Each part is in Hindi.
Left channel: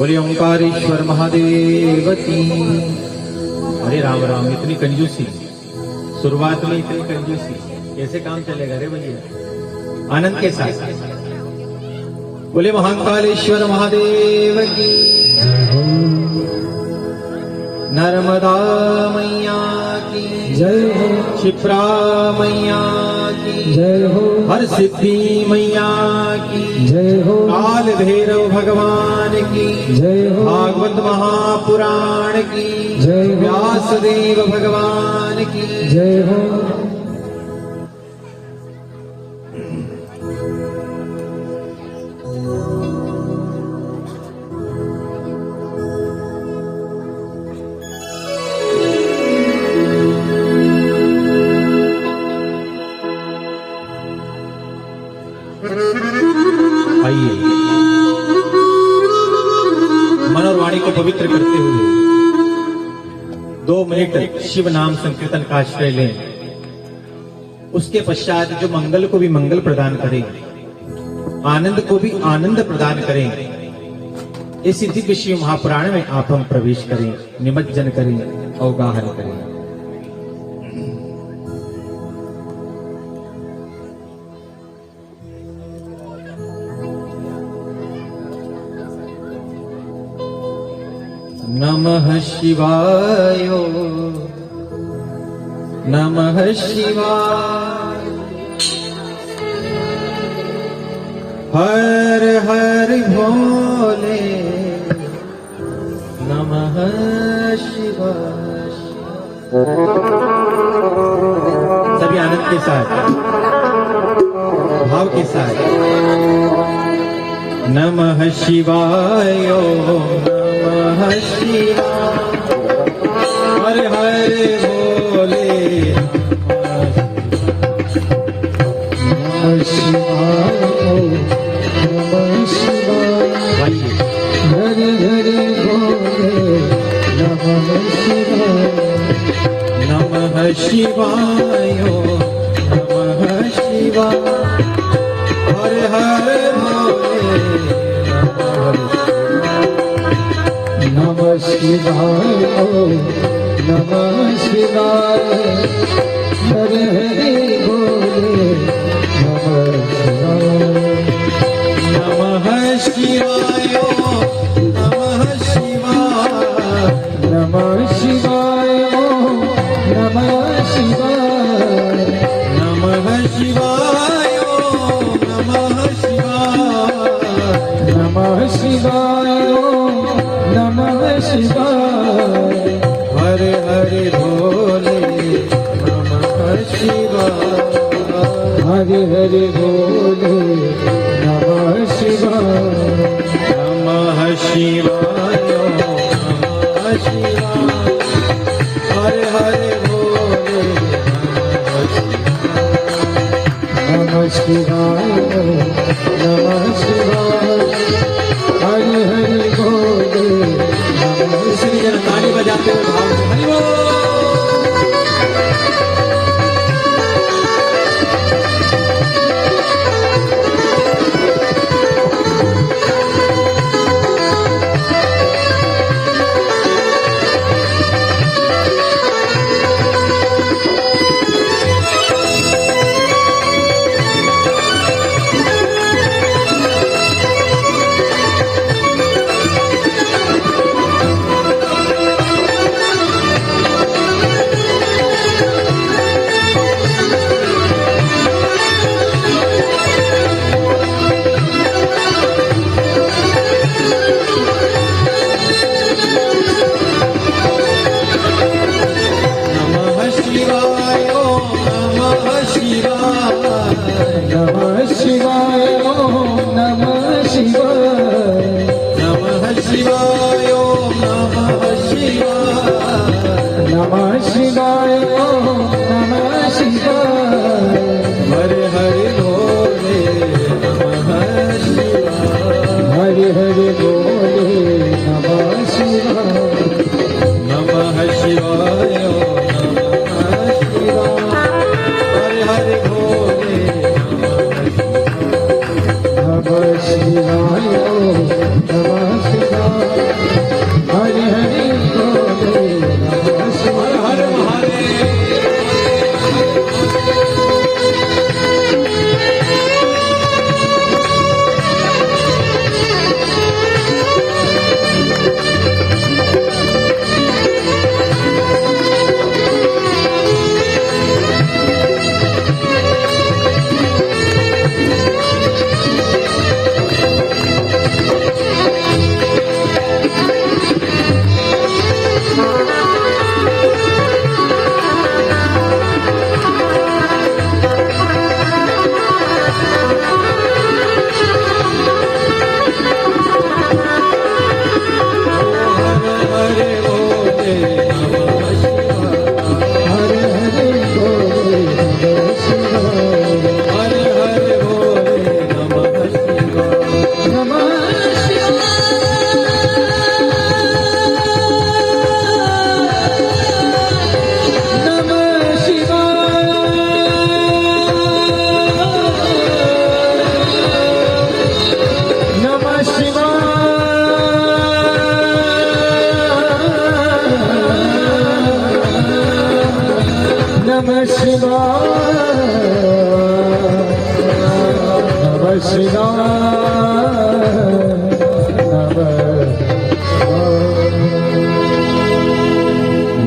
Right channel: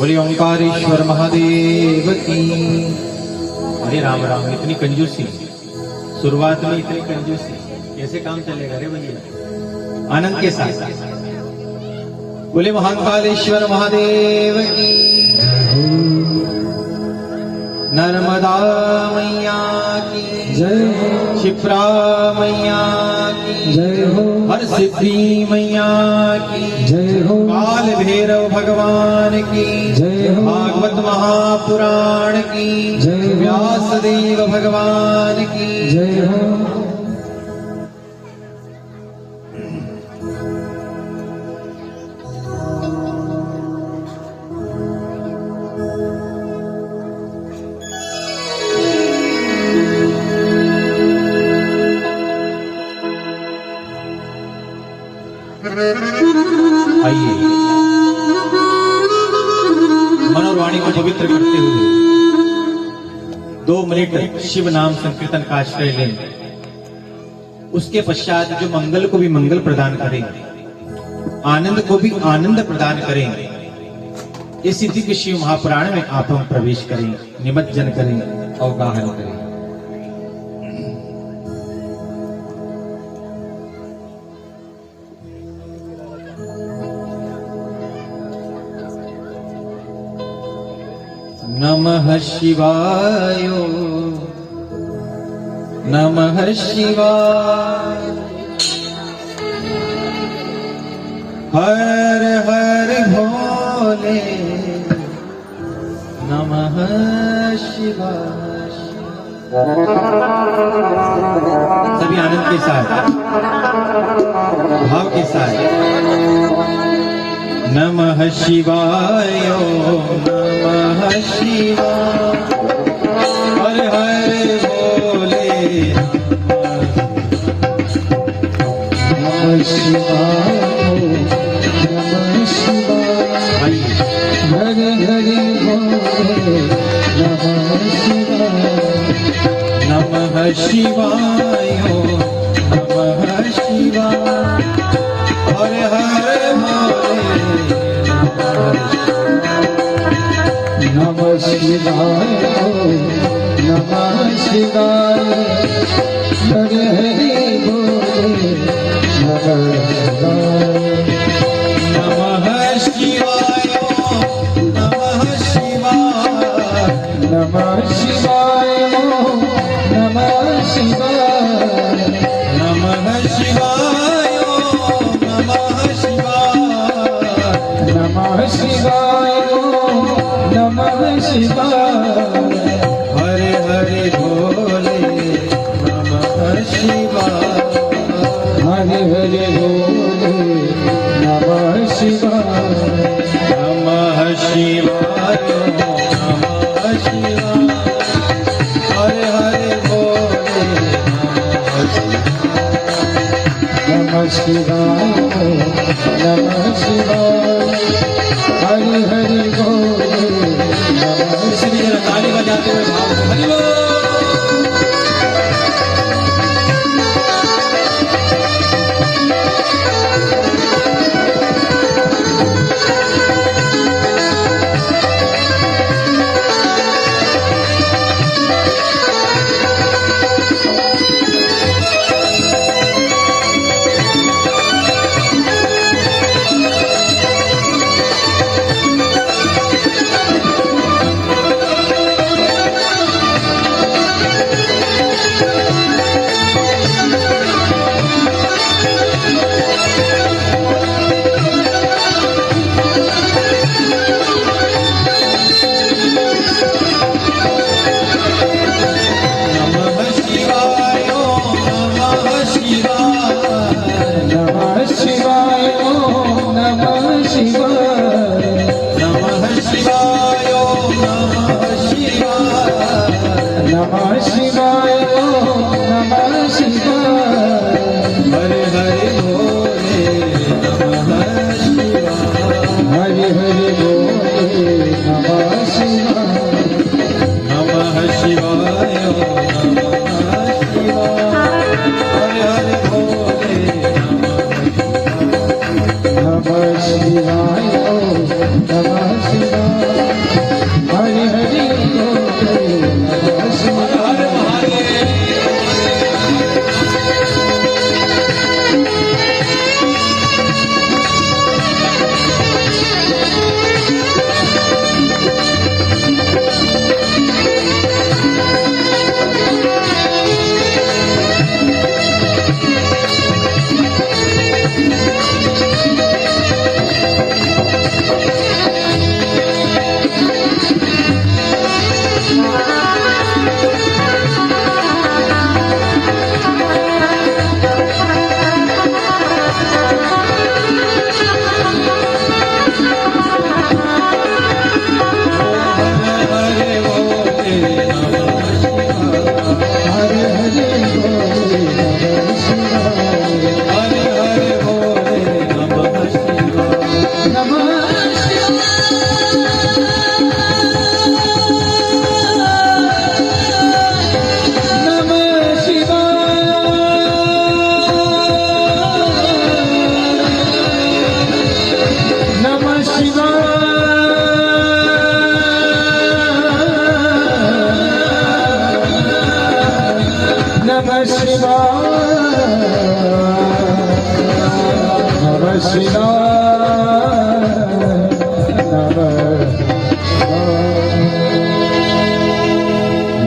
बोले ओंकारेश्वर महादेव की। अरे राम राम, इतनी कंजूसी शुरुआत में, इतनी कंजूसी कैसे काम चलेगा रे भैया। आनंद के साथ बोले महाकालेश्वर महादेव की। नर्मदा मैया की जय हो, क्षिप्रा मैया की जय हो, हर सिद्धि मैया की जय हो, काल भैरव भगवान की जय हो, भागवत महापुराण की जय हो, व्यासदेव भगवान की जय हो। आइए मन और वाणी को पवित्र करते हुए 2 मिनट शिव नाम संकीर्तन का आश्रय लें। उसके पश्चात जो मंगल को भी मंगल प्रदान करें, आनंद को भी आनंद प्रदान करें, इस दिव्य शिव महापुराण में आप हम प्रवेश करें, निमज्जन करें, अवगाहन करें। नमः शिवाय, नमः शिवाय, हर हर भोले, नमः शिवाय। सभी आनंद के साथ, भाव के साथ नमः शिवाय, नमः शिवाय, हरे हरे बोले, नमः शिवाय, नमः शिवाय, हरे हरे बोले, नमः शिवाय, नमः शिवाय, नमः शिवाय, हरे हरे नमः शिवाय, नमः शिवाय, हरे हरे बोले, नमः शिवाय, नमः शिवाय, नमः शिवाय, नमः शिवाय, नमः शिवाय, नमः शिवाय, नमः शिवाय, नमः शिवाय, हरे हरे भोले, नमः शिवाय, हरे हरे भोले, नमः शिवाय, नमः शिवाय, नमः शिवाय, हरे हरे भोले, नमः शिवाय, नमः शिवाय, हरे हरे बोले, नमः शिवाय। ताली बजाते हुए भाव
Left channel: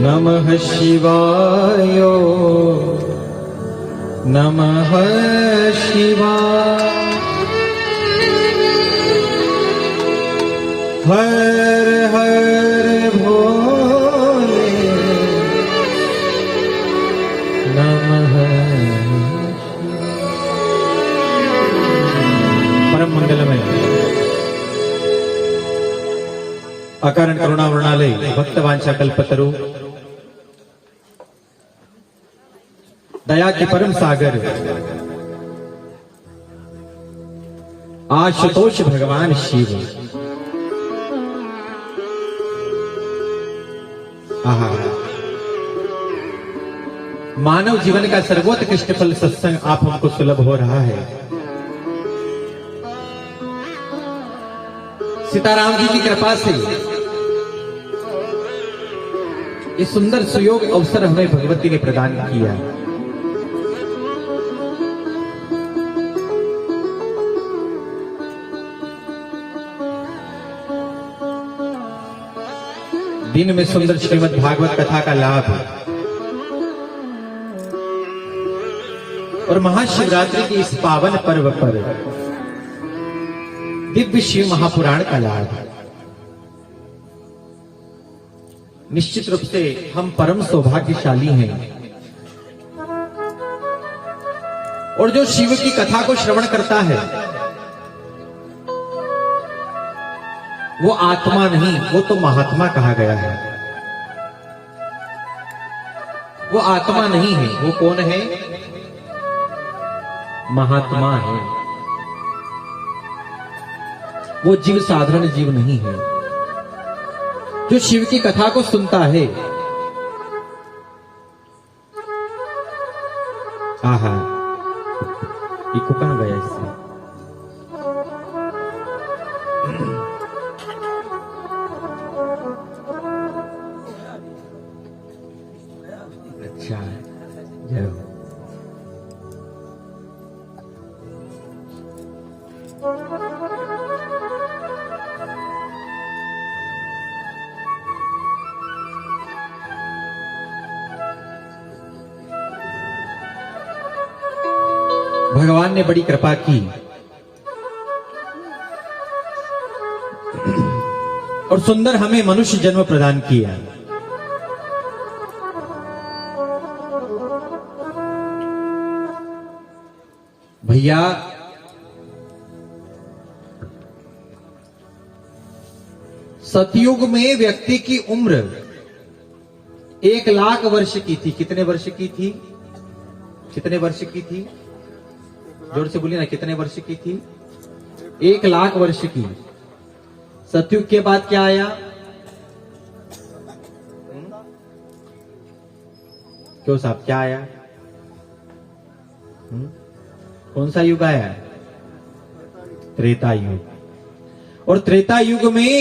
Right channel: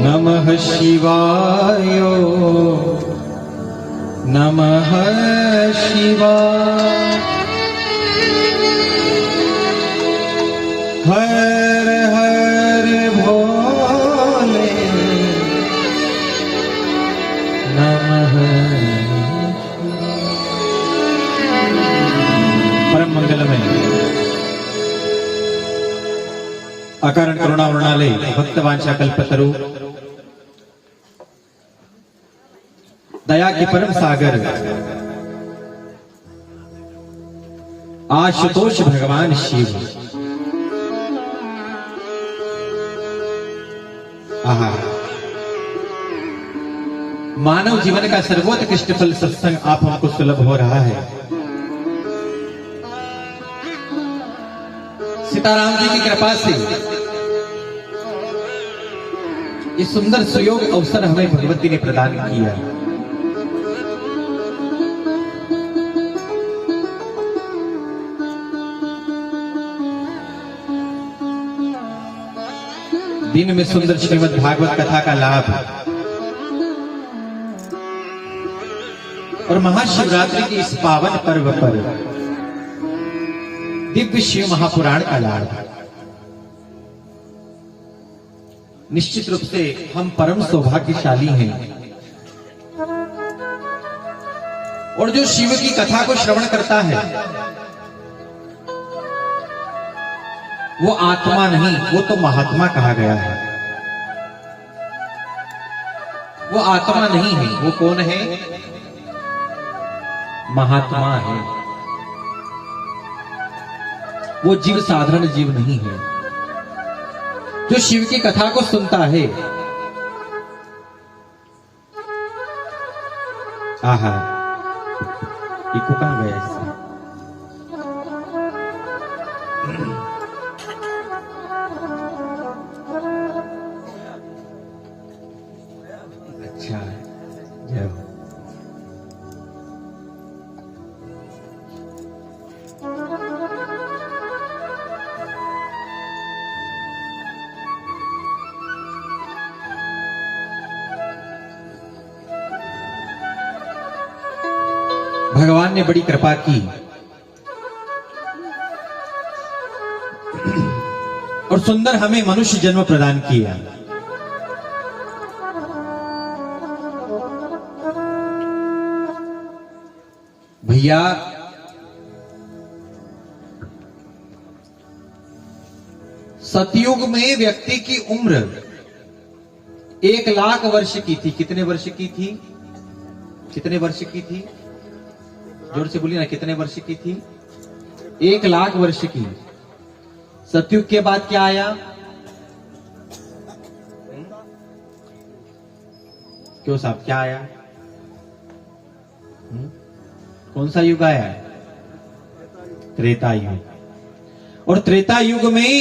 नमः शिवाय नमः शिवाय हर हर भोले नमः परम मंगलमय अकारण करुणा वर्णालय भक्तवांछा कल्पतरु दया के परम सागर आशुतोष भगवान शिव आहा मानव जीवन का सर्वोत्कृष्ट फल सत्संग आप हमको सुलभ हो रहा है। सीताराम जी की कृपा से इस सुंदर सुयोग अवसर हमें भगवती ने प्रदान किया। दिन में सुंदर श्रीमद् भागवत कथा का लाभ और महाशिवरात्रि के इस पावन पर्व पर दिव्य शिव महापुराण का लाभ। निश्चित रूप से हम परम सौभाग्यशाली हैं और जो शिव की कथा को श्रवण करता है वो आत्मा नहीं, वो तो महात्मा कहा गया है। वो आत्मा नहीं है, वो कौन है? महात्मा है। वो जीव साधारण जीव नहीं है। जो शिव की कथा को सुनता है, आहा, ये कुकन गया इससे। अच्छा जय हो। भगवान ने बड़ी कृपा की और सुंदर हमें मनुष्य जन्म प्रदान किया। भैया सतयुग में व्यक्ति की उम्र 1,00,000 वर्ष की थी। कितने वर्ष की थी? कितने वर्ष की थी? जोर से बोलिए ना, कितने वर्ष की थी? 1,00,000 वर्ष की। सतयुग के बाद क्या आया? क्यों साहब, क्या आया? कौन सा युग आया? त्रेता युग। और त्रेता युग में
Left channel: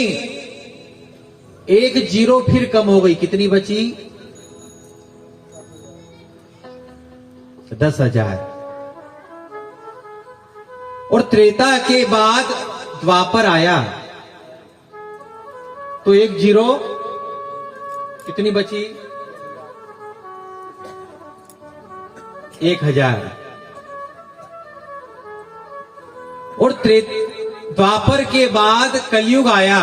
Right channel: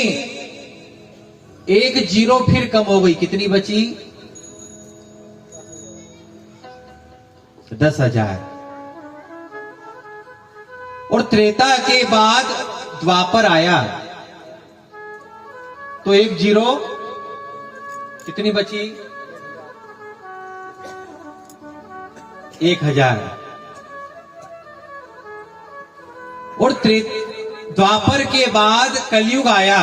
एक जीरो फिर कम हो गई। कितनी बची? 10,000। और त्रेता के बाद द्वापर आया तो एक जीरो कितनी बची? 1,000। और द्वापर के बाद कलयुग आया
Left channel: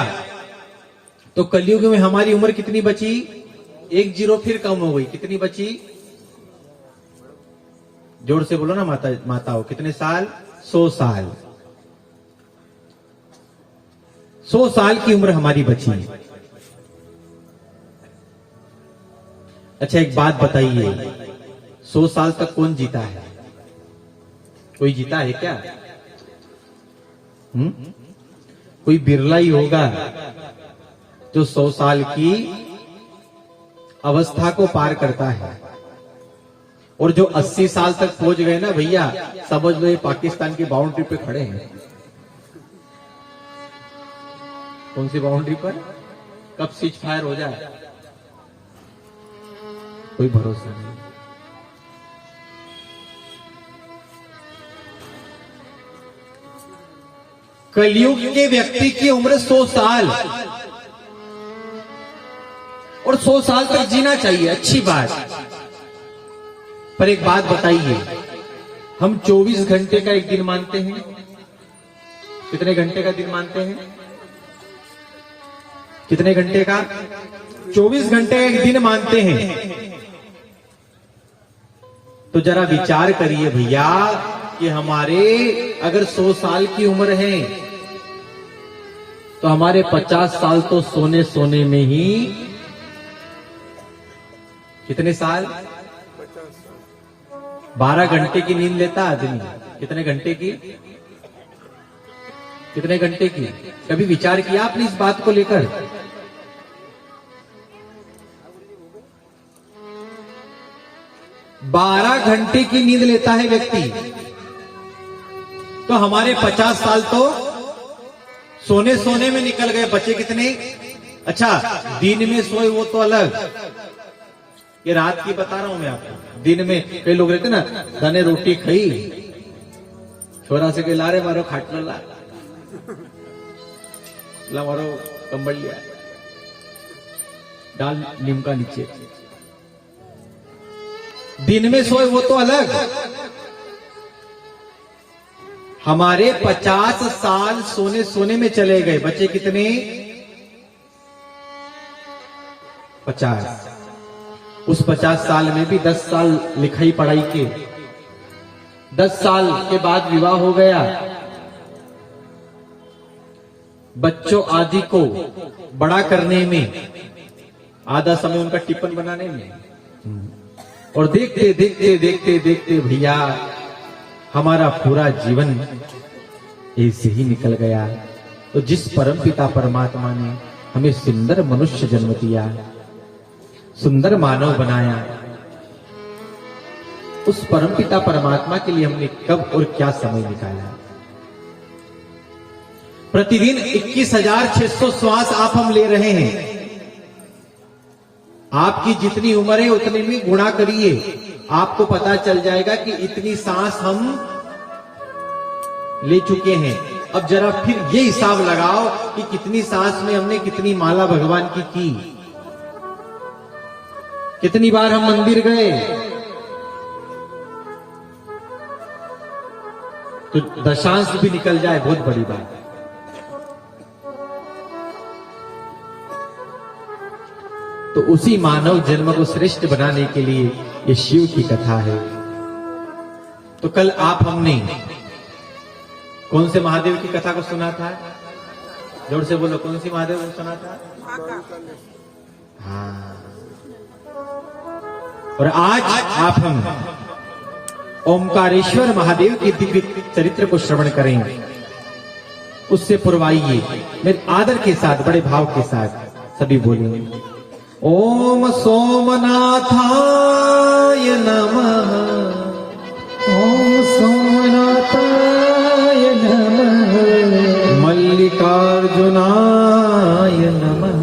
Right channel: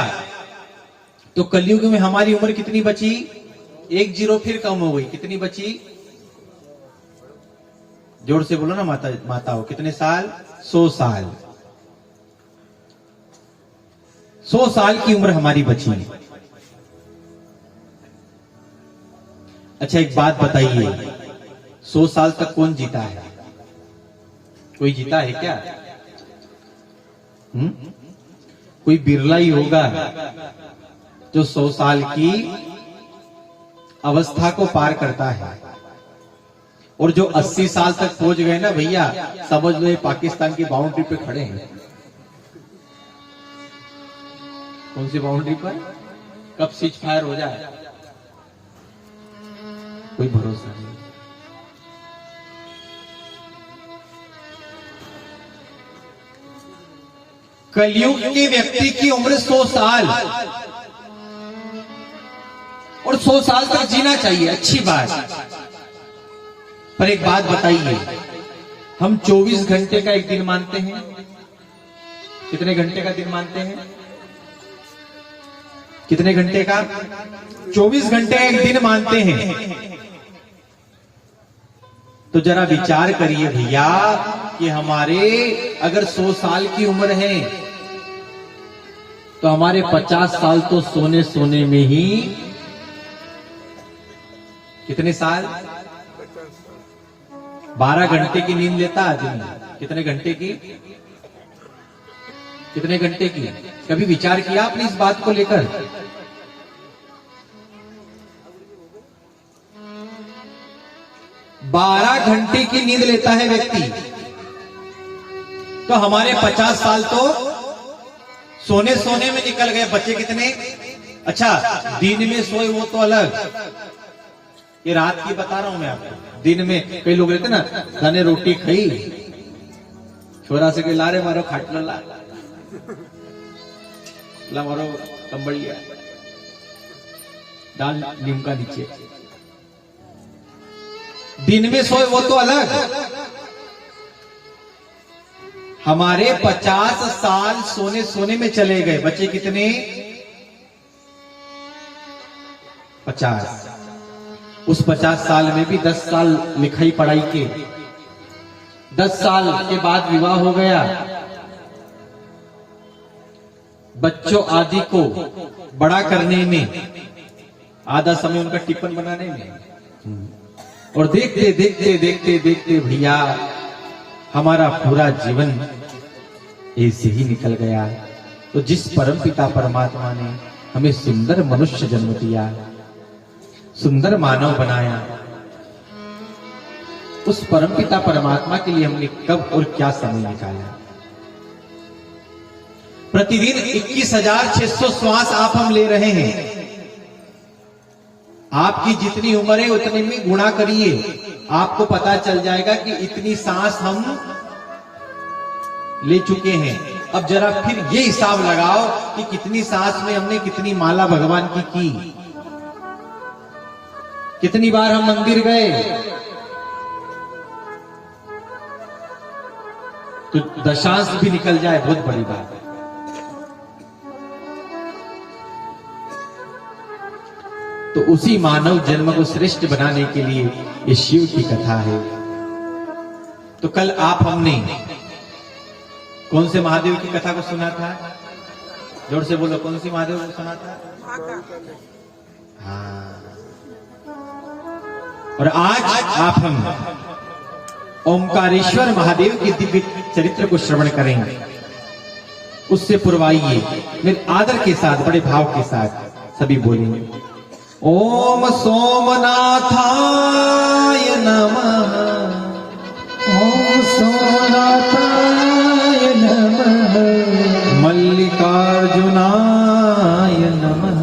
तो कलयुग में हमारी उम्र कितनी बची? एक जीरो फिर कम हो गई। कितनी बची? जोर से बोलो ना माताओं, कितने साल? 100 साल। 100 साल की उम्र हमारी बची। अच्छा एक बात बताइए, 100 साल तक कौन जीता है? कोई जीता है क्या? कोई बिरला ही होगा जो 100 साल की अवस्था को पार करता है। और जो 80 साल तक पहुंच गए ना भैया, समझ लो ये पाकिस्तान की बाउंड्री पे खड़े हैं। कौन सी बाउंड्री पर? कब सीज फायर हो जाए कोई भरोसा नहीं। कलयुग के व्यक्ति की उम्र 100 साल, और 100 साल तक जीना चाहिए, अच्छी बात। पर एक बात बताइए, हम 24 घंटे का एक दिन मानते हैं। कितने घंटे का दिन मानते हैं? कितने घंटे का? 24 घंटे का एक दिन मानते हैं। तो जरा विचार करिए भैया कि हमारे अगर 100 साल की उम्र है तो हमारे 50 साल तो सोने सोने में ही। कितने साल? 12 घंटे की नींद लेता आदमी। कितने घंटे की? कितने घंटे की? कभी विचार किया आपने इस बात को लेकर? बारह घंटे की नींद लेता है व्यक्ति, तो हमारे 50 साल तो सोने सोने में निकल गए। बचे कितने? अच्छा दिन में सोए वो तो अलग, ये रात की बता रहा हूं मैं आपको। दिन में कई लोग रहते ना, दाने रोटी खाई, छोरा से कहीं ला रे मारो खाटला ला मारो कंबल लिया, डाल नीम का नीचे। दिन में सोए वो तो अलग। हमारे 50 साल सोने सोने में चले गए। बचे कितने? 50। उस 50 साल में भी 10 साल लिखाई पढ़ाई के, 10 साल के बाद विवाह हो गया, बच्चों आदि को बड़ा करने में, आधा समय उनका टिफिन बनाने में, और देखते देखते देखते देखते भैया हमारा पूरा जीवन ऐसे ही निकल गया। तो जिस परमपिता परमात्मा ने हमें सुंदर मनुष्य जन्म दिया, सुंदर मानव बनाया, उस परमपिता परमात्मा के लिए हमने कब और क्या समय निकाला? प्रतिदिन 21,600 श्वास आप हम ले रहे हैं। आपकी जितनी उम्र है उतने में गुणा करिए, आपको पता चल जाएगा कि इतनी सांस हम ले चुके हैं। अब जरा फिर ये हिसाब लगाओ कि कितनी सांस में हमने कितनी माला भगवान की, कितनी बार हम मंदिर गए। तो दशांश भी निकल जाए बहुत बड़ी बात है। तो उसी मानव जन्म को श्रेष्ठ बनाने के लिए ये शिव की कथा है। तो कल आप हमने कौन से महादेव की कथा को सुना था? जोर से बोलो, कौन सी महादेव को सुना था? हाँ। और आज आप हम ओमकारेश्वर महादेव के दिव्य चरित्र को श्रवण करेंगे। उससे पूर्वाइए मेरे आदर के साथ, बड़े भाव के साथ सभी बोलेंगे, ओम सोमनाथाय नमः, ओम सोमनाथाय नमः, मल्लिकार्जुनाय नमः,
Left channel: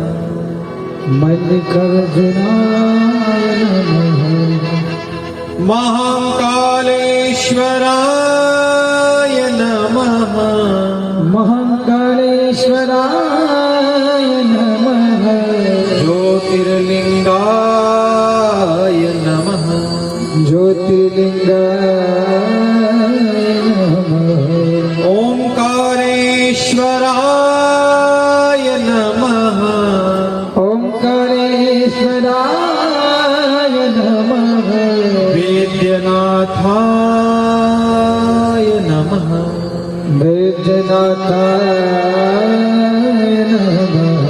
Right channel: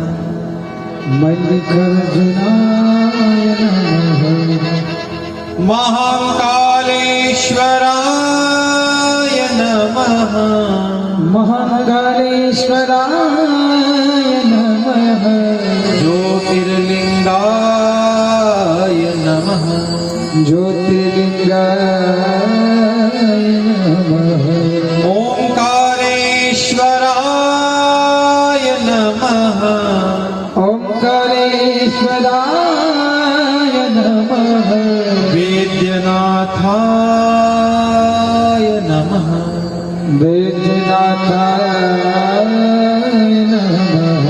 मल्लिकार्जुनाय नमः, महाकालेश्वराय नमः, महाकालेश्वराय नमः, ज्योतिर्लिंगाय नमः, ज्योतिर्लिंगाय नमः, ओंकारेश्वराय नमः, ओंकारेश्वराय नमः, वेद्यनाथाय वैद्यनाथाय नमः।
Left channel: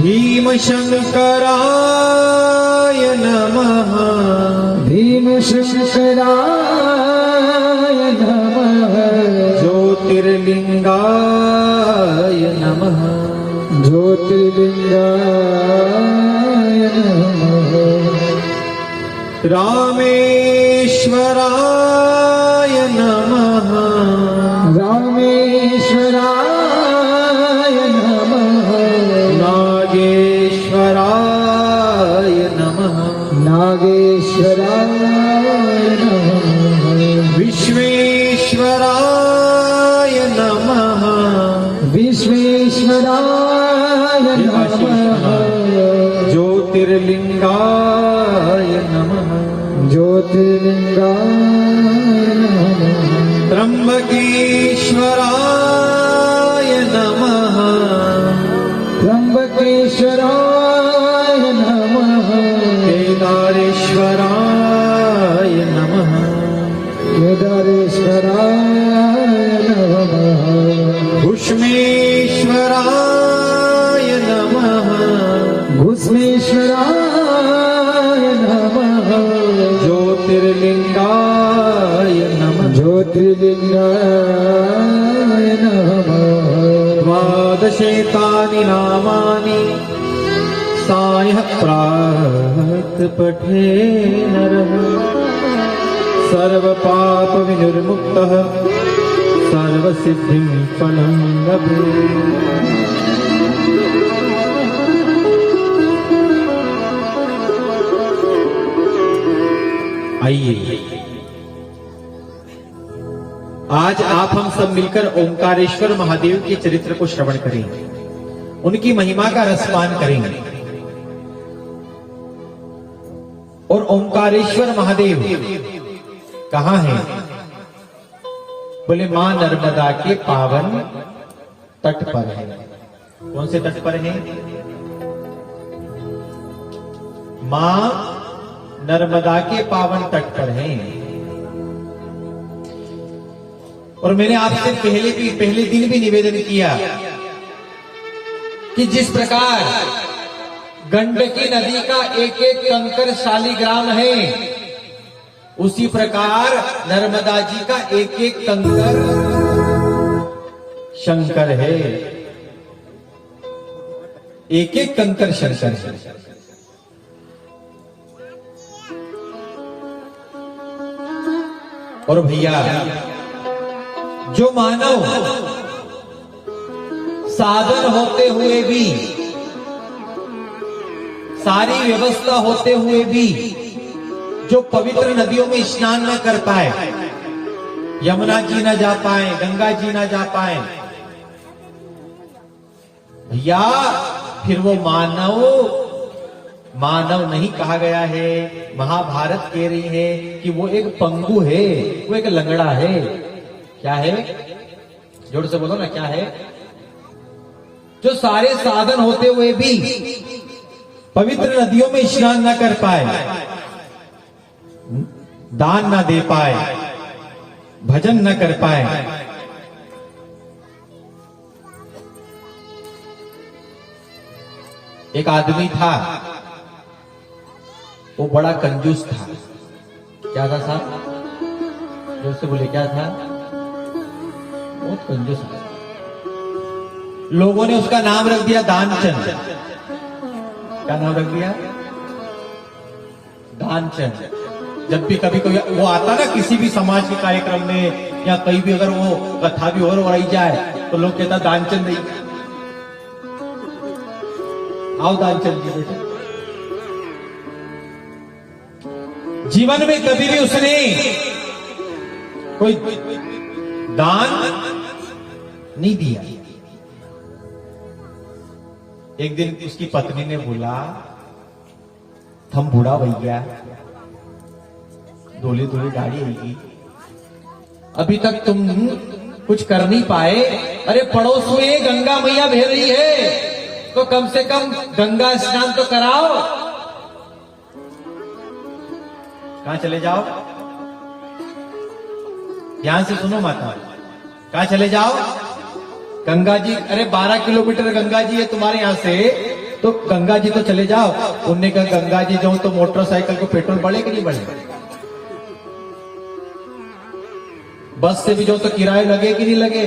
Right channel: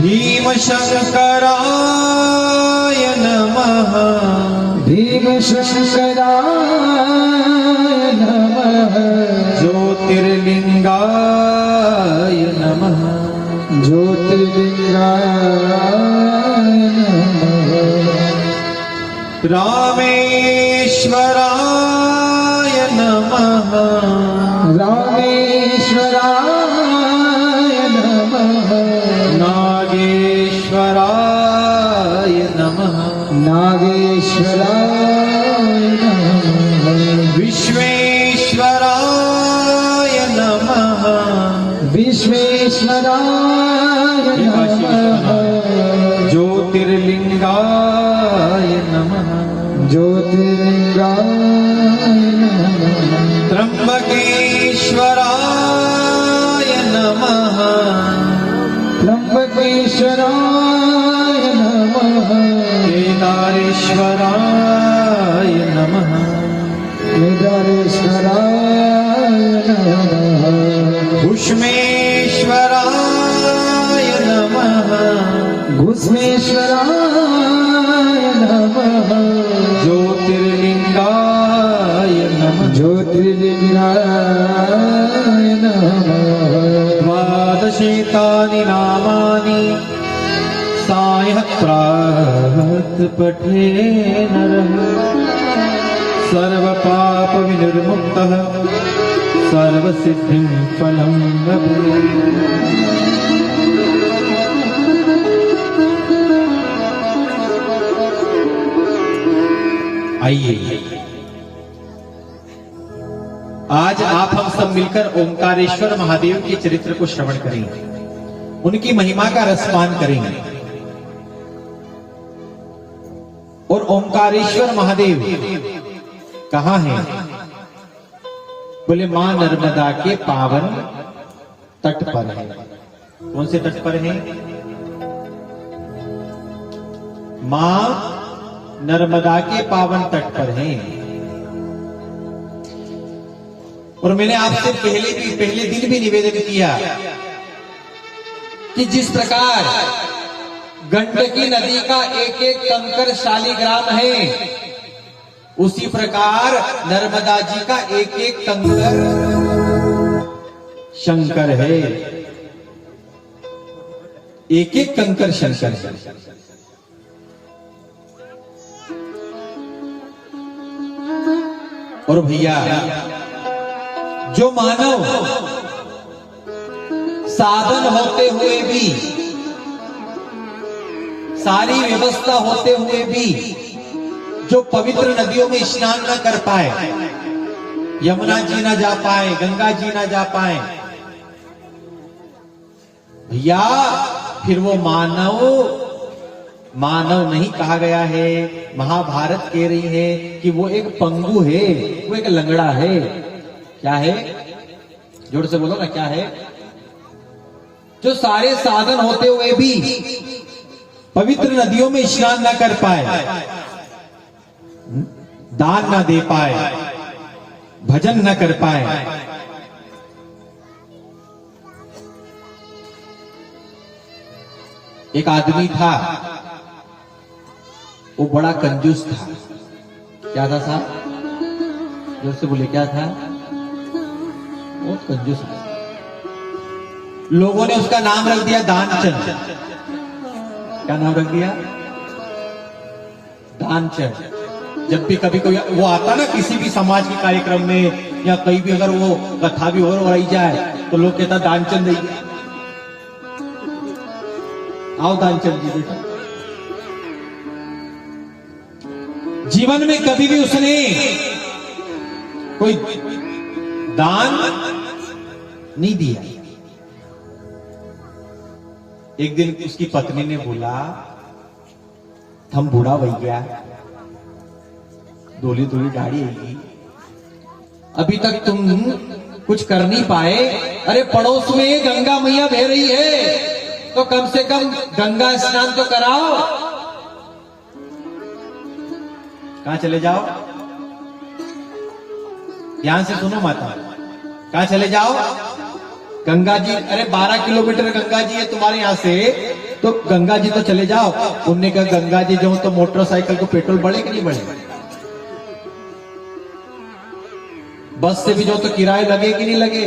भीमशंकराय नमः। भीमशंकराय नमः। ज्योतिर्लिंगाय नमः। ज्योतिर्लिंगाय नमः। रामेश्वराय नमः। रामेश्वराय नमः। नागेश्वराय नमः। नागेश्वराय नमः। विश्वेश्वराय नमः। विश्वेश्वराय नमः। ज्योतिर्लिंगाय नमः। ज्योतिर्लिंगाय नमः। त्र्यंबकेश्वराय नमः। त्र्यंबकेश्वराय नमः। केदारेश्वराय नमः। केदारेश्वराय नमः। भूष्मेश्वराय नमः। भूष्मेश्वराय नमः। ज्योतिर्लिंगाय नमः। ज्योतिर्लिंगाय नमः। द्वादशेतानि नामानि सायत्रात् पठेन सर्वपाप विनिर्मुक्तः सर्वसिद्धिं फलं लभेत्। आइए आज आप हम सब मिलकर ओंकारेश्वर महादेव के चरित्र को श्रवण करेंगे, उनकी महिमा का रसपान करेंगे। और ओंकारेश्वर महादेव कहां है? बोले मां नर्मदा के पावन तट पर है। कौन से तट पर है? मां नर्मदा के पावन तट पर है। और मैंने आपसे पहले दिन भी निवेदन किया कि जिस प्रकार गंडकी नदी का एक एक कंकर शालिग्राम है, उसी प्रकार नर्मदा जी का एक एक कंकर शंकर है। एक एक कंकर शंकर है। और भैया जो मानव साधन होते हुए भी, सारी व्यवस्था होते हुए भी जो पवित्र नदियों में स्नान न कर पाए, यमुना जी न जा पाए, गंगा जी न जा पाए, भैया फिर वो मानव नहीं कहा गया है। महाभारत कह रही है कि वो एक पंगु है, वो एक लंगड़ा है। क्या है? जोर से बोलो ना, क्या है? जो सारे साधन होते हुए भी पवित्र नदियों में स्नान ना कर पाए, दान ना दे पाए, भजन ना कर पाए। एक आदमी था, वो बड़ा कंजूस था। क्या था साहब? जोर से बोले, क्या था? बहुत कंजूस था। लोगों ने उसका नाम रख दिया दानचंद। क्या नाम रख दिया? दानचंद। जब भी कभी कोई वो आता ना किसी भी समाज के कार्यक्रम में या कहीं भी अगर वो कथा भी और रही जाए तो लोग कहता दानचंद नहीं। आओ दानचंद जी बेटा। जीवन में कभी भी उसने कोई दान नहीं दिया। एक दिन उसकी पत्नी ने बोला, हम बूढ़ा हो गया, धोली धोली गाड़ी आएगी, अभी तक तुम कुछ कर नहीं पाए। अरे पड़ोस में गंगा मैया बह रही है, तो कम से कम गंगा स्नान तो कराओ। कहां चले जाओ? ध्यान से सुनो माता। कहां चले जाओ? गंगा जी, अरे 12 किलोमीटर गंगा जी है तुम्हारे यहां से, तो गंगा जी तो चले जाओ। उनने कहा गंगा जी जाओ तो मोटरसाइकिल को पेट्रोल बढ़े कि नहीं बढ़े? बस से भी जाओ तो किराए लगे कि नहीं लगे?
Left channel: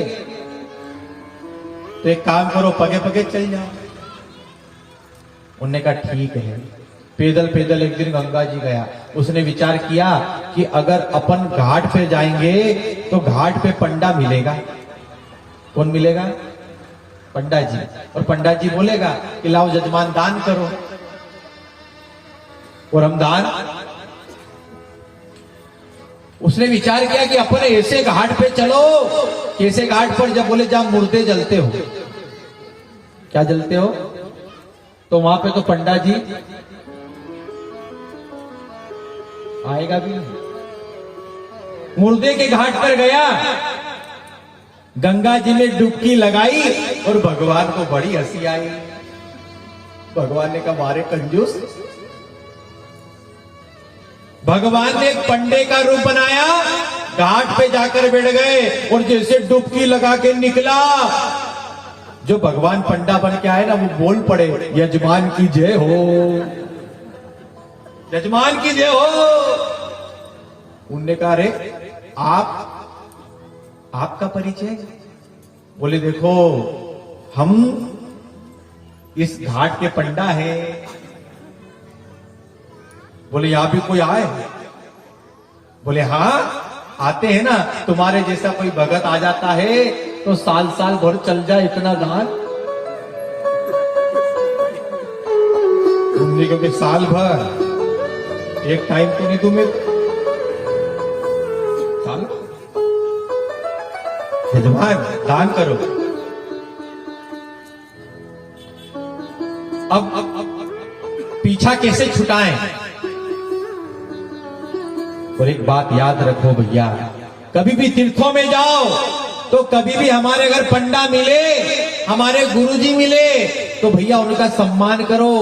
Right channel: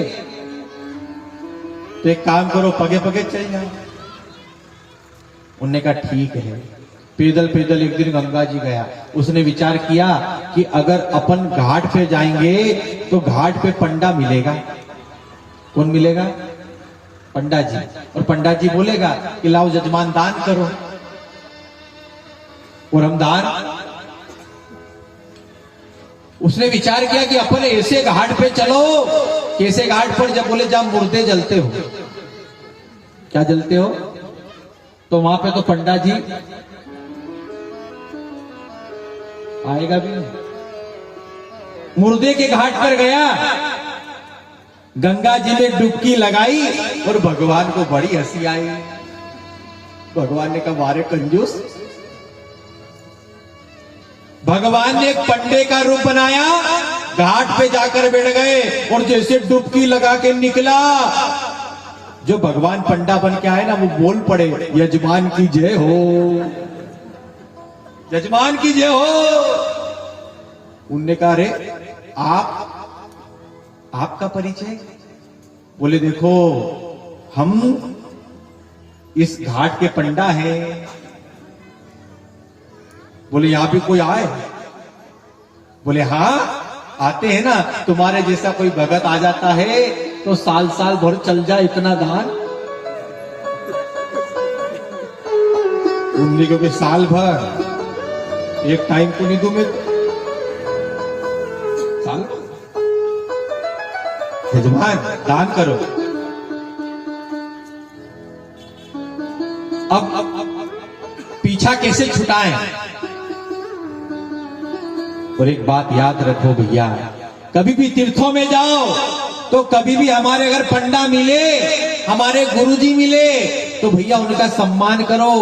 तो एक काम करो, पगे पगे चल जाओ। उनने कहा ठीक है। पैदल पैदल एक दिन गंगा जी गया। उसने विचार किया कि अगर अपन घाट पे जाएंगे तो घाट पे पंडा मिलेगा। कौन मिलेगा? पंडा जी। और पंडा जी बोलेगा कि लाओ जजमान दान करो, और हम दान। उसने विचार किया कि अपन ऐसे घाट पे चलो, कैसे घाट पर? जब बोले जब मुर्दे जलते हो। क्या जलते हो? तो वहां पे तो पंडा जी आएगा भी नहीं। मुर्दे के घाट पर गया, गंगा जी में डुबकी लगाई और भगवान को बड़ी हंसी आई। भगवान ने कहा मारे कंजूस, भगवान ने एक पंडे का रूप बनाया, घाट पे जाकर बैठ गए और जैसे डुबकी लगा के निकला, जो भगवान पंडा बन के आए ना वो बोल पड़े यजमान की जय हो, यजमान की जय हो। उनने कहा अरे आपका परिचय? बोले देखो हम इस घाट के पंडा हैं। बोले यहां भी कोई आए? बोले हाँ आते हैं ना, तुम्हारे जैसा कोई भगत आ जाता है तो साल साल भर चल जाए इतना दान। उनने क्योंकि साल भर एक टाइम तो नहीं दूं मैं, साल यजमान दान करो। अब पीछा कैसे छुटाएं? और एक बात याद रखो भैया, कभी भी तीर्थों में जाओ तो कभी भी हमारे अगर पंडा मिले, हमारे गुरुजी मिले, तो भैया उनका सम्मान करो,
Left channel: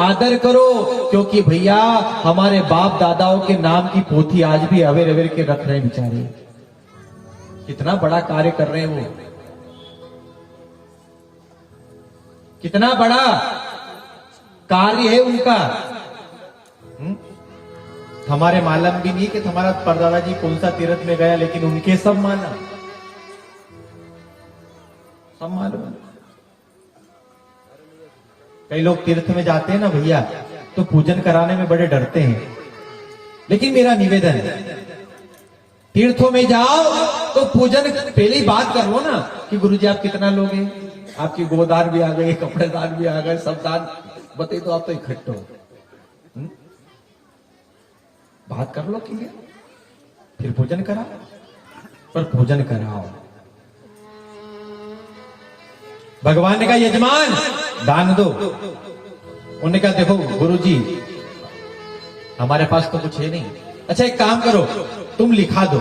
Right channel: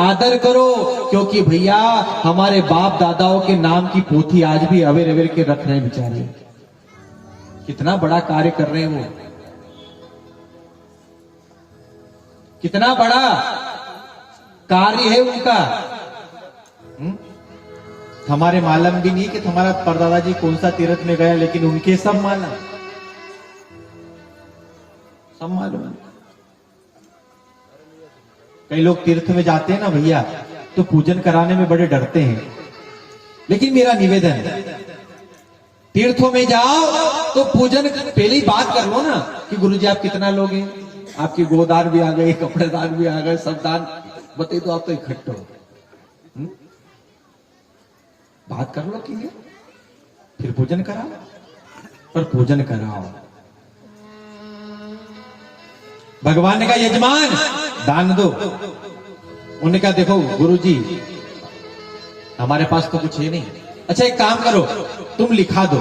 आदर करो, क्योंकि भैया हमारे बाप दादाओं के नाम की पोथी आज भी अवेर अवेर के रख रहे हैं बेचारे। कितना बड़ा कार्य कर रहे हैं वो, कितना बड़ा कार्य है उनका। हमारे मालूम भी नहीं कि हमारा परदादा जी कौन सा तीर्थ में गया, लेकिन उनके सब मालूम, सब मालूम। कई लोग तीर्थ में जाते हैं ना भैया तो पूजन कराने में बड़े डरते हैं, लेकिन मेरा निवेदन है तीर्थों में जाओ तो पूजन पहले ही बात कर लो ना कि गुरुजी आप कितना लोगे, आपके गोदान भी आ गए, कपड़े दान भी आ गए, सब दान बताइए तो आप तो इकट्ठे हो। बात कर लो कि फिर पूजन कराओ, पर पूजन कराओ। भगवान ने कहा यजमान दान दो। उन्होंने कहा देखो गुरुजी हमारे पास तो कुछ है नहीं। अच्छा एक काम करो, तुम लिखा दो।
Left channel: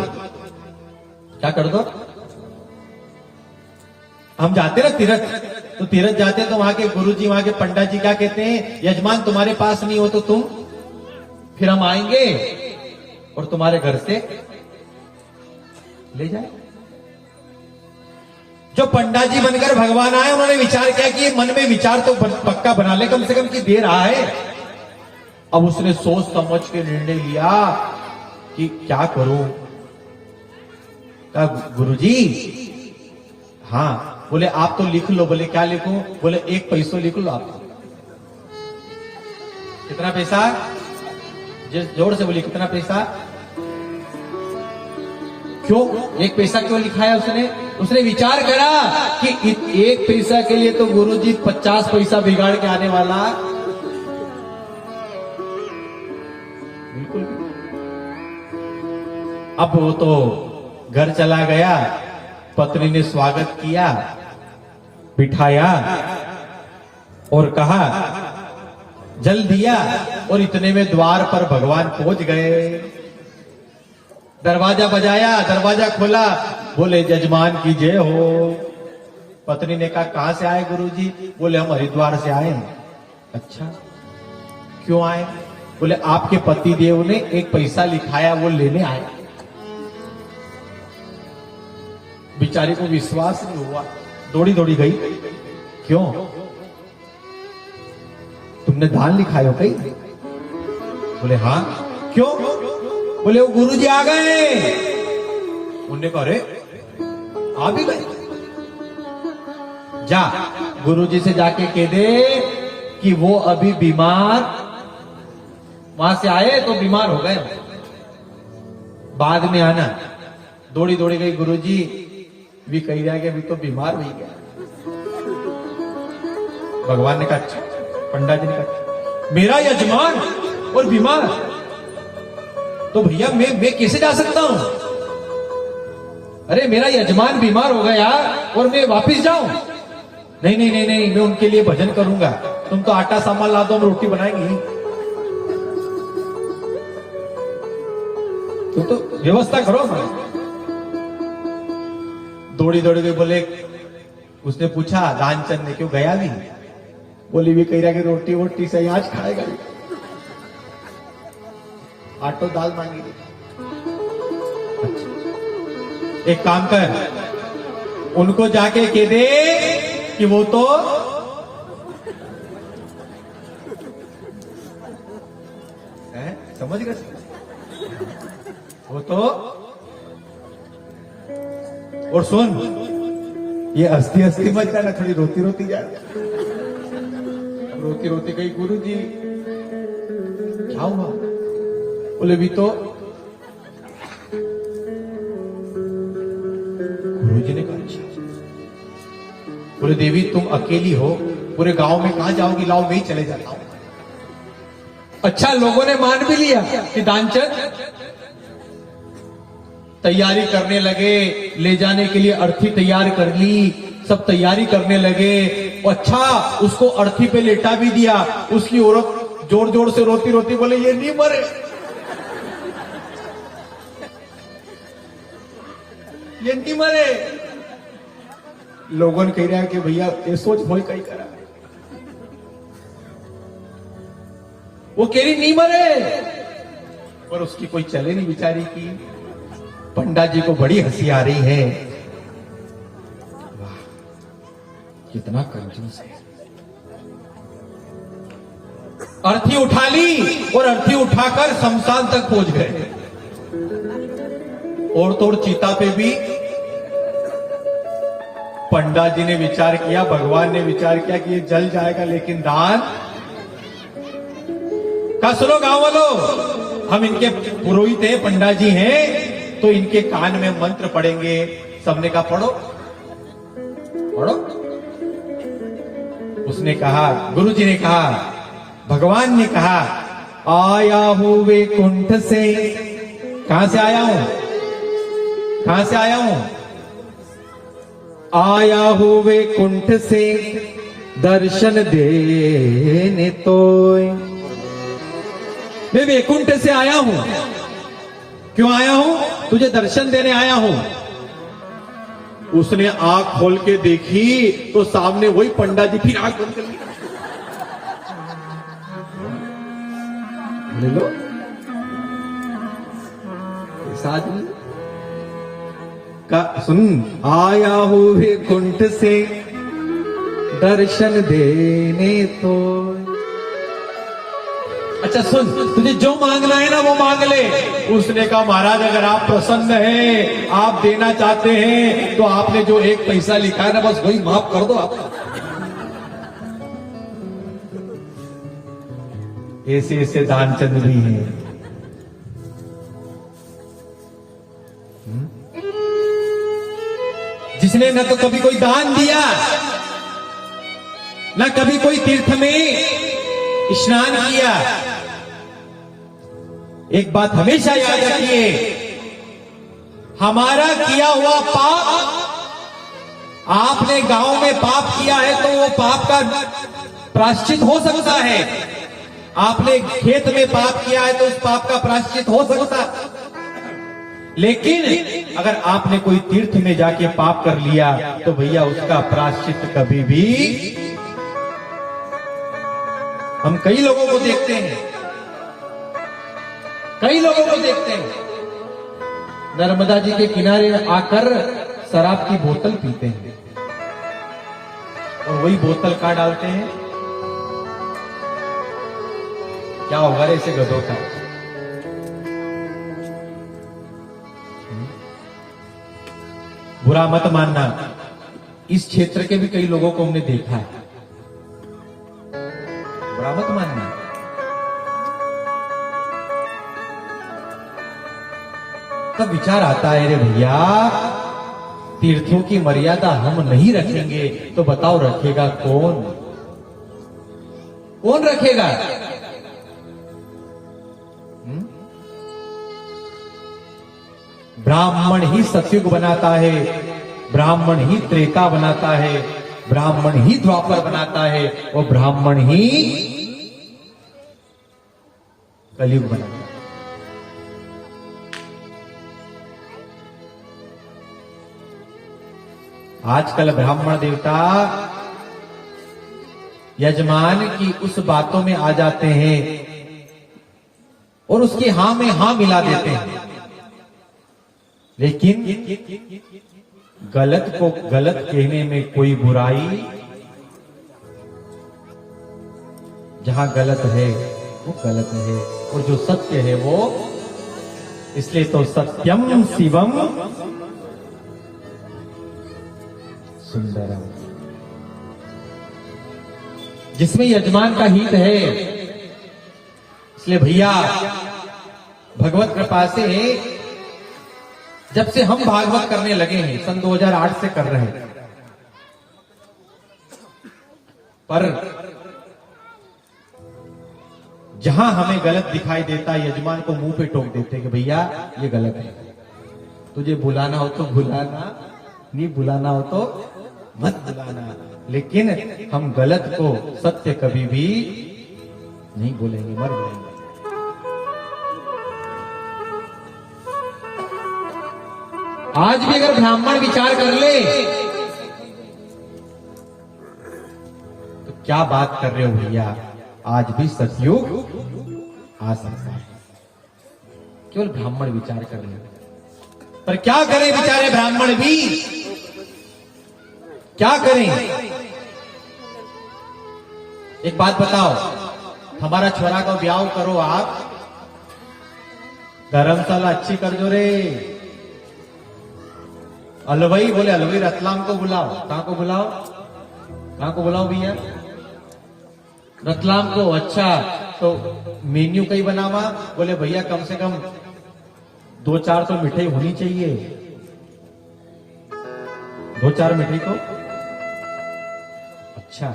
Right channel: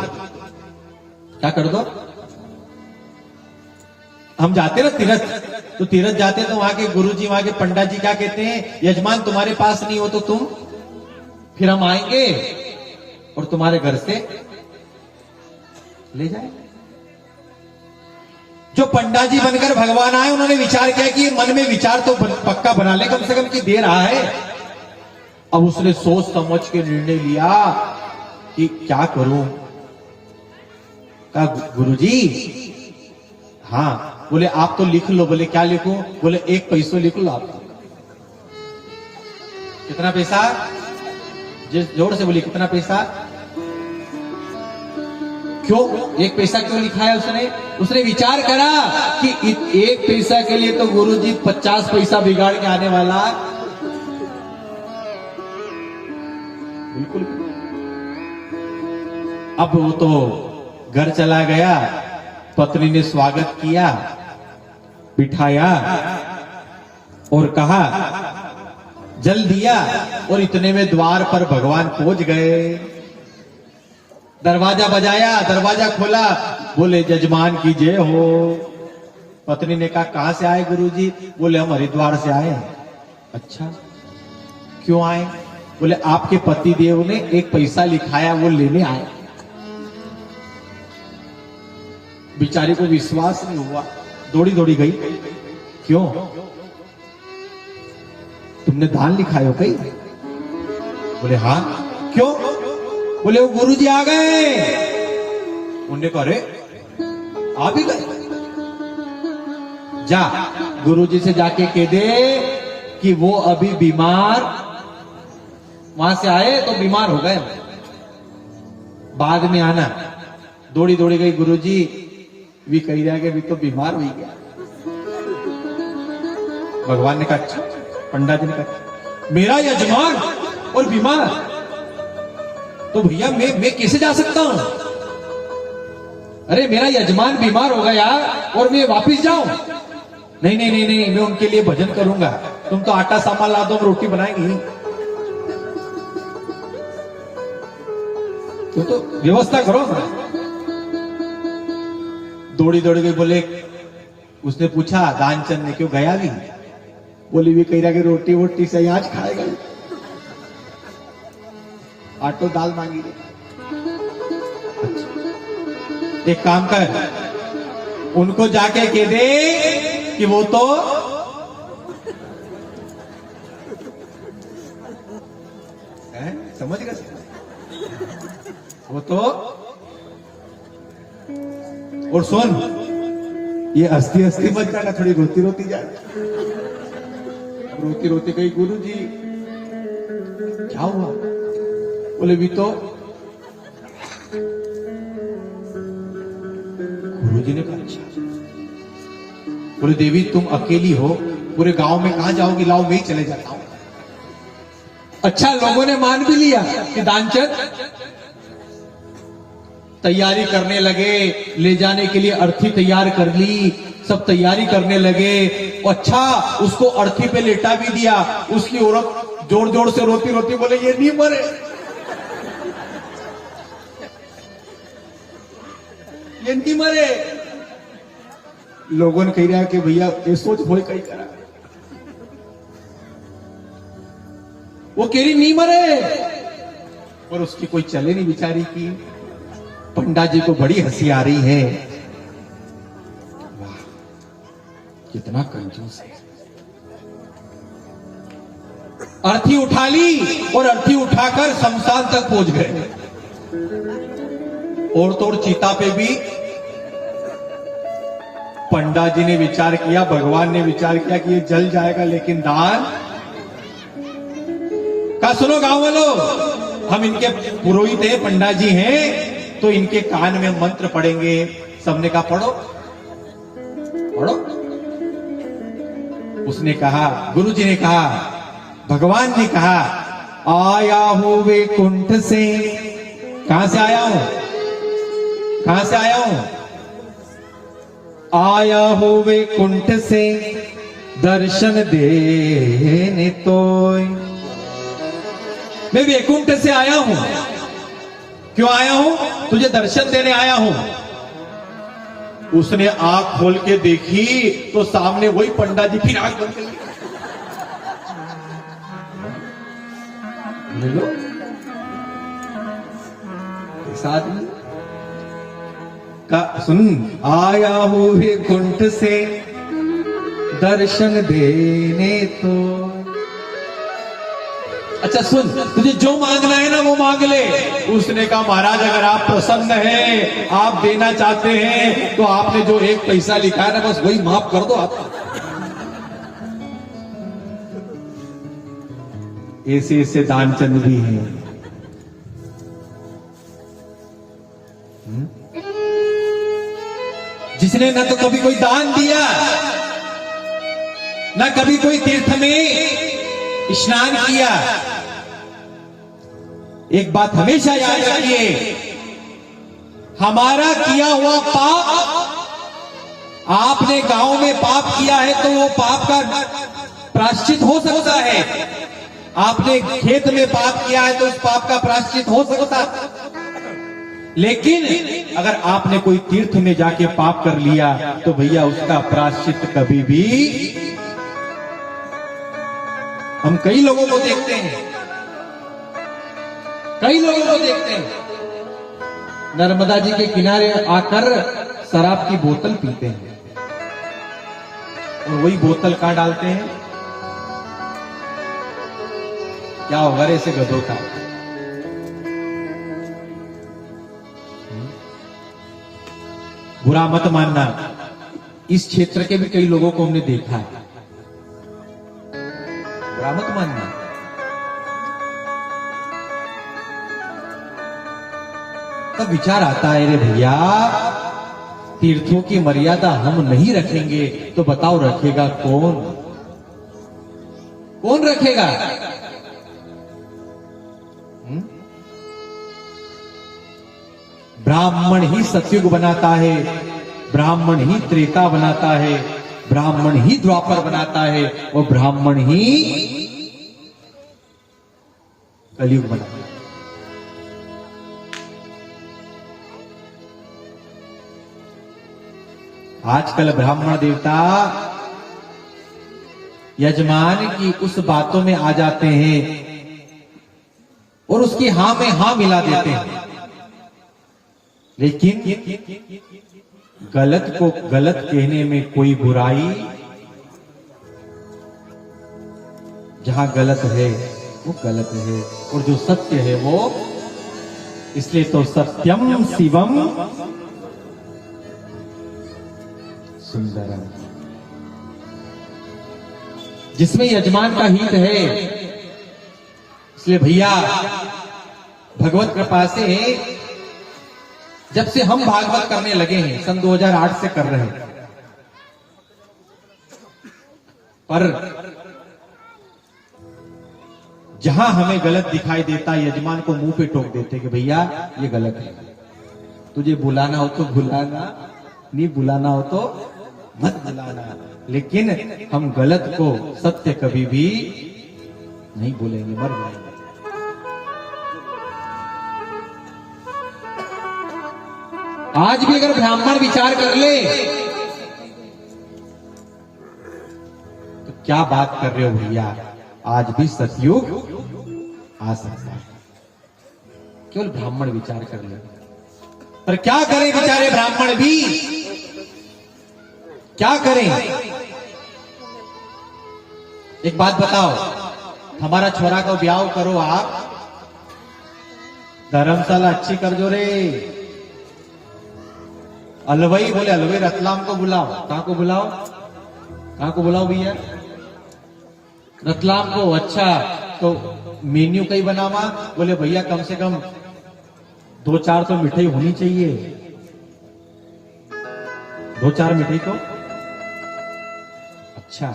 क्या कर दो? हम जाते ना तीर्थ, तो तीर्थ जाते तो वहां के गुरुजी, वहां के पंडा जी क्या कहते हैं, यजमान तुम्हारे पास नहीं हो तो तुम, फिर हम आएंगे और तुम्हारे घर से ले जाए। जो पंडा जी बनकर भगवान आए, उन्होंने विचार किया कि मन में विचार तो पक्का बना ले कम से कम कि दे रहा है। अब उसने सोच समझ के निर्णय लिया कि क्या करूं। कहा गुरुजी हाँ। बोले आप तो लिख लो। बोले क्या लिखूं? बोले 1 पैसा लिख लो आप। कितना पैसा? जिस जोर से बोली कितना पैसा? क्यों 1 पैसा क्यों लिखाया उसने? उसने विचार करा कि 1 पैसा के लिए तो गुरुजी 50 पैसा बिगाड़ के आने वाला। बिल्कुल। अब वो तो घर चला गया, पत्नी ने स्वागत किया, बिठाया और कहा जल दिया, और इतने में द्वार पर भगवान पहुंच गए। दरवाजा बजाया, दरवाजा खोला, बोले जजमान की जय हो। पत्नी ने कहा कहां से आए गुरुजी? बोले हम हरिद्वार से आए हैं। अच्छा क्यों आए? बोले आपके पति देव ने 1 पैसा लिखाया वो लेने आए। बेचारे को विश्वास नहीं हुआ, दौड़ी दौड़ी गई। क्यों, तुमने दान लिखा हो कहीं? बोले हाँ। क्यों? बोले वो गुरुजी आ गए। उन्होंने कहा अरे आ भी गए, जा गुरुजी से जाके कह दे कि वो अभी बीमार, वहां से आए तो बीमार हो गए, बाद में आना। दौड़ी दौड़ी गई, गुरुजी भी कही रहा कि अभी तो बीमार हुई गया। भगवान ने कहा अच्छा। पंडा जी ने कहा मेरा यजमान और बीमार, तो भैया मैं कैसे जा सकता हूं? अरे मेरा यजमान बीमार हो गया और मैं वापिस जाऊं? नहीं नहीं नहीं नहीं, मैं उनके लिए भजन करूंगा। तुम तो आटा सामान ला दो, हम रोटी बनाएंगे। तो व्यवस्था करो ना। दौड़ी दौड़ी गई। बोले, उसने पूछा दानचंद ने क्यों गया नहीं? बोली भी कह रहा कि रोटी वोटी सही आज खाएगा, आटो दाल मांगी। अच्छा, एक काम कर, उनको जाके कह दे कि वो तो है, समझ गए? वो तो, और सुन, ये हस्ती हस्ती मत करना, थोड़ी रोती रोती जाए। रोती रोती गई, गुरुजी क्या हुआ? बोले भी तो, गुरुजी ने कहा अच्छा। बोले देवी तुम अकेली हो, पूरे गांव में कहां जाओगी? लाओ मैं ही चले जाता हूं। अच्छा, लोगों ने मान भी लिया कि दानचंद तैयारी करने लगे, ले जाने के लिए अर्थी तैयार कर ली, सब तैयारी करने लगे। अच्छा, उसको अर्थी पे लेटा भी दिया। उसकी औरत जोर जोर से रोती रोती बोले ये नहीं मरे, ये नहीं मरे। लोगों ने कह रहा है कि भैया ये सोच भोल कहीं करा, वो कह रही नहीं मरे, पर उसकी कोई चले नहीं बेचारी की। पंडा जी को बड़ी हंसी आ रही है, वाह कितना कंजूस है। अर्थी उठा ली और अर्थी उठाकर शमशान तक पहुंच गए। और तो और चीता पे भी पंडा जी ने विचार किया, भगवान ने विचार किया कि ये जल जाएगा, लेकिन दान का। सुनो गांव वालों, हम इनके पुरोहित हैं, पंडा जी हैं, तो इनके कान में मंत्र पढ़ेंगे। सबने कहा पढ़ो पढ़ो। उसने कहा, गुरुजी ने कहा, भगवान ने कहा, आया हूं वैकुंठ से। कहां से आया हूं? कहां से आया हूं? आया हूं वैकुंठ से दर्शन देने तो। मैं वैकुंठ से आया हूं। क्यों आया हूं? तुझे दर्शन देने आया हूं। उसने आंख खोल के देखी तो सामने वही पंडा जी, फिर आंख बंद कर ली। ले लो साथ में का, सुन, आया हूं वैकुंठ से दर्शन देने तो। अच्छा सुन, तुझे जो मांगना है ना वो मांग ले। उसने कहा महाराज अगर आप प्रसन्न हैं, आप देना चाहते हैं, तो आपने जो एक पैसा लिखा है ना बस वही माफ कर दो आप। ऐसे ऐसे दानचंद भी हैं। जिसने न तो कभी कोई दान दिया, न कभी कोई तीर्थ में स्नान किया। एक बात हमेशा याद रखिए, हमारा किया हुआ पाप, आपने गांव में पाप किया है तो वो पाप का प्रायश्चित हो सकता है। आपने खेत में पाप किया है तो उस पाप का प्रायश्चित हो सकता है। लेकिन अगर आपने कोई तीर्थ में जाके पाप कर लिया तो भैया उसका प्रायश्चित कभी भी। हम कई लोगों को देखते हैं, कई लोगों को देखते हैं, नर्मदा जी के किनारे आकर शराब की बोतल पीते हैं और वही बोतल कहाँ डालते हैं? क्या होगा रे ऐसे गधों का? बुरा मत मानना, इस क्षेत्र के भी कई लोगों को हमने देखा है, बुरा मत मानना। तब विचार आता है, रे भैया तीर्थों की मर्यादा हम नहीं रखेंगे तो बताओ रखेगा कौन? कौन रखेगा? ब्राह्मण ही सतयुग बनाता है, ब्राह्मण ही त्रेता बनाता है, ब्राह्मण ही द्वापर बनाता है और ब्राह्मण ही कलयुग बनाता है। आजकल ब्राह्मण देवता यजमान की उस बातों में आ जाते हैं और उसकी हां में हां मिला देते हैं, लेकिन गलत को गलत कहने में कोई बुराई, जहां गलत है वो गलत है और जो सत्य है वो, इसलिए तो सत्यम शिवम सुंदरम, जिसमें यजमान का हित है। इसलिए भैया भगवत कृपा से जब से हम भागवत करने लगे हैं, सन 2008 से कर रहे हैं, पर जहां हमें गलत दिखाई देता यजमान को मुंह पे टोक देते कि भैया ये गलत है, तुझे बुलाना हो तो बुलाना, नहीं बुलाना हो तो मत बुलाना, लेकिन हम गलत को सत्य कभी भी नहीं बोलेंगे, मर जाएंगे। आज भी अगर ब्राह्मण विचार कर ले तो क्या बात कर रहे हो भैया, आज भी सतयुग आ सकता है, केवल ब्राह्मण विचार कर ले। पर क्या करें बेचारे ब्राह्मण भी, क्या करें? एक बात बताओ, हमारा छोरा को ब्याह करो आप, धर्मशाला अच्छी कर दो रे, अलवई बोले अलवई रतलाम को बुलाओ, कहां को बुलाओ, कहां को बुलाओ भैया? रतलाम को। अच्छा तो मेन्यू कहीं बनावा, बोले भैया कम से कम 2-4 तो मिठाई होनी चाहिए, 2-4 मिठाई तो। अच्छा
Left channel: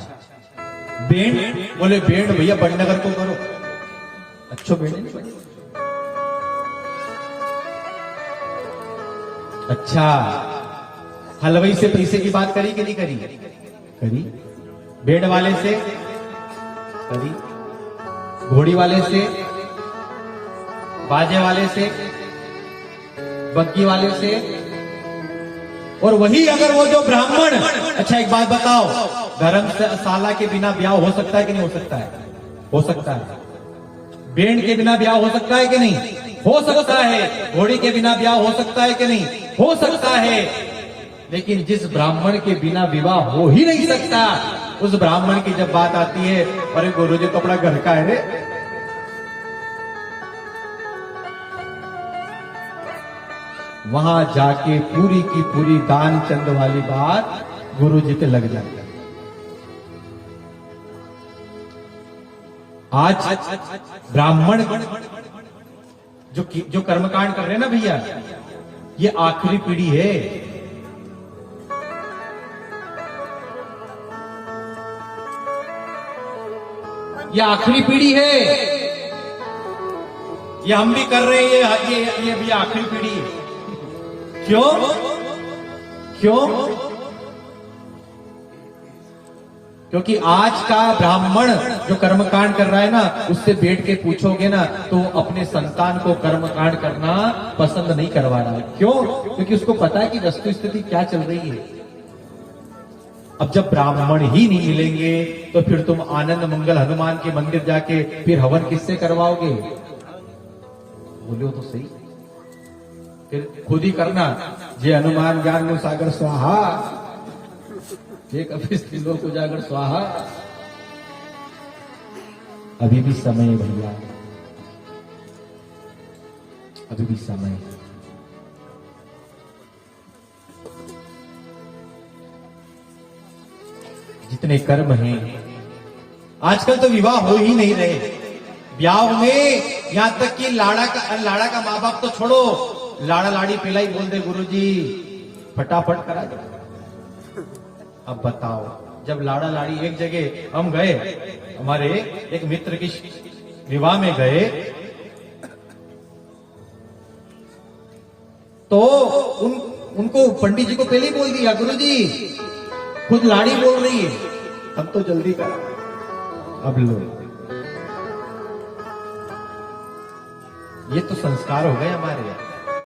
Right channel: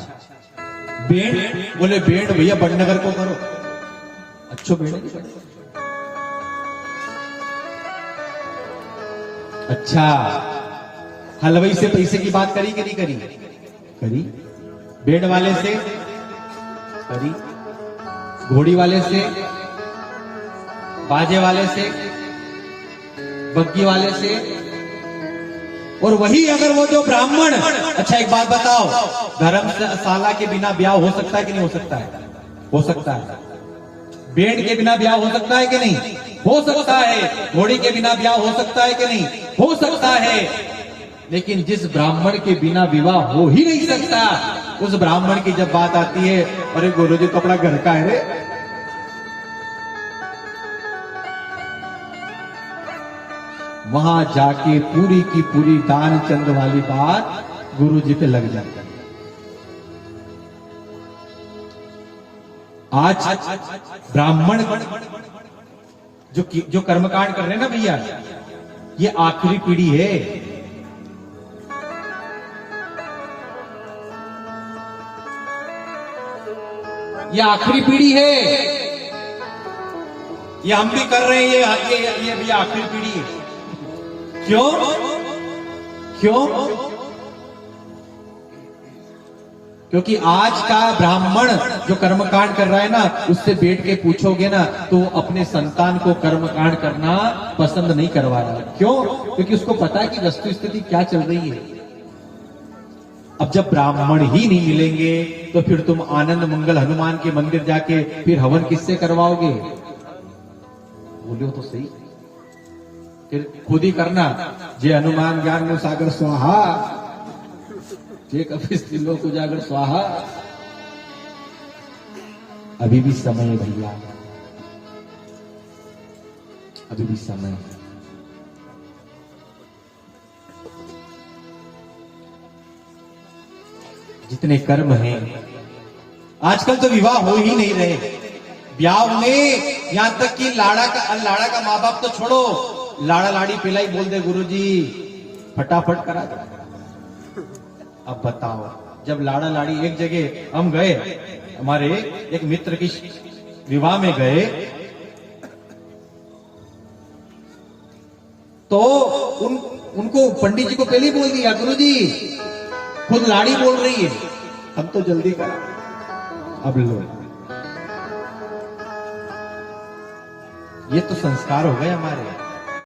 बेंड, बोले बेंड भैया बड़नगर को करो, अच्छा बेंड। अच्छा हलवाई से पैसे की बात करी कि नहीं करी? करी। बेंड वाले से करी, घोड़ी वाले से, बाजे वाले से, बग्गी वाले से, और वही अगर वो जो ब्राह्मण। अच्छा एक बात बताओ, धर्मशाला के बिना ब्याह हो सकता है कि नहीं हो सकता है? हो सकता है। बेंड के बिना ब्याह हो सकता है कि नहीं? हो सकता है। घोड़ी के बिना ब्याह हो सकता है कि नहीं? हो सकता है। लेकिन जिस ब्राह्मण के बिना विवाह हो ही नहीं सकता, उस ब्राह्मण की जब बात आती है, अरे गुरुजी कपड़ा घर का है रे, वहां जाके पूरी की पूरी दान चंद वाली बात गुरुजी पे लग जाती है। आज ब्राह्मण जो कर्मकांड कर रहे हैं ना भैया, ये आखिरी पीढ़ी है। ये आखिरी पीढ़ी है, ये हम भी कर रहे हैं, ये भैया आखिरी पीढ़ी है। क्यों? क्यों? क्योंकि आज का ब्राह्मण जो कर्मकांड कर रहा है ना, उससे बैठ के पूछोगे ना तो वो अपने संतान को कर्मकांड करना पसंद नहीं करवा रहा है। क्यों? क्योंकि उसको पता है कि वस्तु स्थिति क्या चल रही है। अब जब ब्राह्मण ही नहीं मिलेंगे तो फिर तुम आनंद मंगल हनुमान के मंदिर जाके फिर हवन किससे करवाओगे? बोलो तो सही। फिर खुद ही करना। जे हनुमान ज्ञान नो सागर स्वाहा, जे कपिस त्रिलोक उजागर स्वाहा। अभी भी समय है भैया, अभी भी समय है। जितने कर्म हैं, आजकल तो विवाह हो ही नहीं रहे। ब्याह में यहां तक कि लाड़ा का माँ बाप तो छोड़ो, लाड़ा लाड़ी पिलाई बोल दे गुरुजी, फटाफट करा दे। अब बताओ, जब लाड़ा लाड़ी एक जगह हम गए, हमारे एक मित्र की विवाह में गए, तो उनको पंडित जी को पहले ही बोल दिया, गुरुजी खुद लाड़ी बोल रही है, हम तो जल्दी करा। अब लो, ये तो संस्कार हो गए हमारे।